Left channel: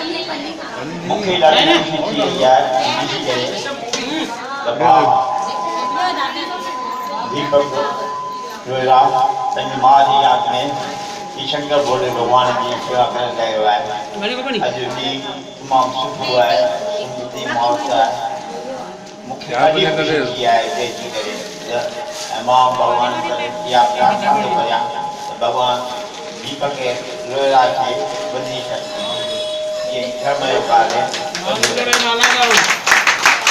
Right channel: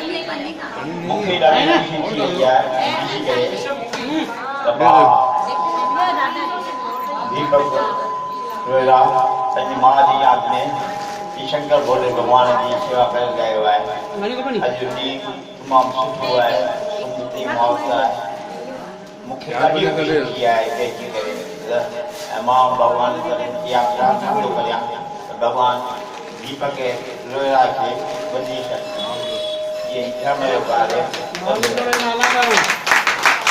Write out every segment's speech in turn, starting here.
मूंखे ॾाढी ख़ुशी थी रही आहे ॾिसी करे त मां दीपक रोहिरा पंहिंजी माउ जी यादि में श्री शंकर भोले भॻवान जी शेवा करे रहियो आहे। अॼु ॾींहुं तमामु सुठो आहे, सुमती माउस आहे। मूंखे ॾाढी ख़ुशी थी आहे हिते अची करे ऐं मां भॻवान करे इहा प्रार्थना थो करियां त भॻवानु दीपक रोहिरा खे वधी सघे। ये धर्म का कार्य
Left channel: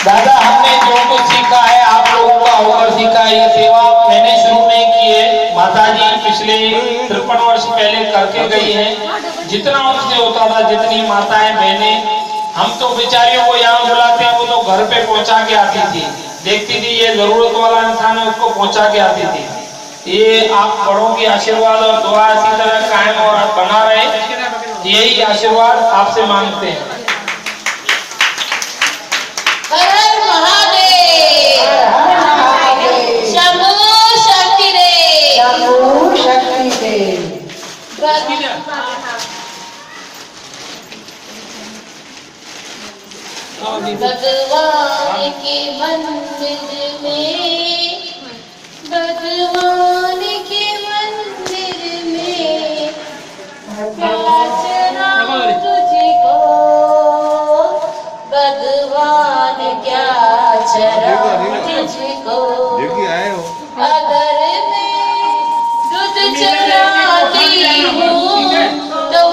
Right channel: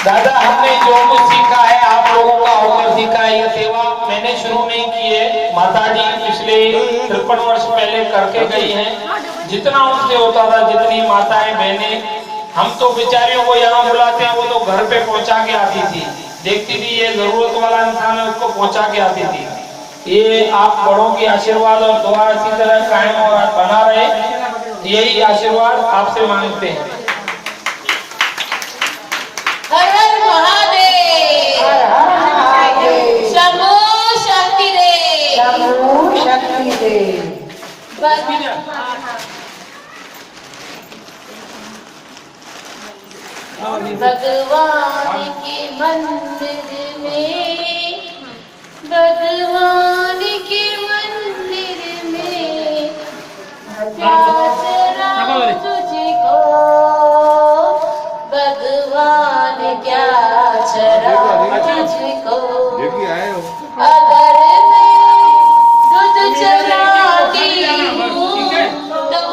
दादा, हमने जो कुछ सीखा है आप लोगों का होकर सीखा है। ये सेवा मैंने शुरू में की है, माता जी पिछले 53 वर्ष पहले करके गई हैं। जितना उनसे होता था, जितनी माताएं बहनें, हम तो बेचारियों को यहाँ बुलाते हैं, वो तो घर पे पहुँचा के आती थी, देखती थी ये जरूरत वाला इंसान है उसको पहुँचा के आती थी। ये आप बड़ों की आशीर्वाद और दुआ इसी तरह कायम और बना रहे, यही आशीर्वाद आपसे मांगते हैं। हर हर महादेव, शंभो शक्ति दे, शंभो शक्ति दे। भगवान के मंदिर में, भगवान के मंदिर में प्यास तुझको, भगवान क्या चरा तुझको।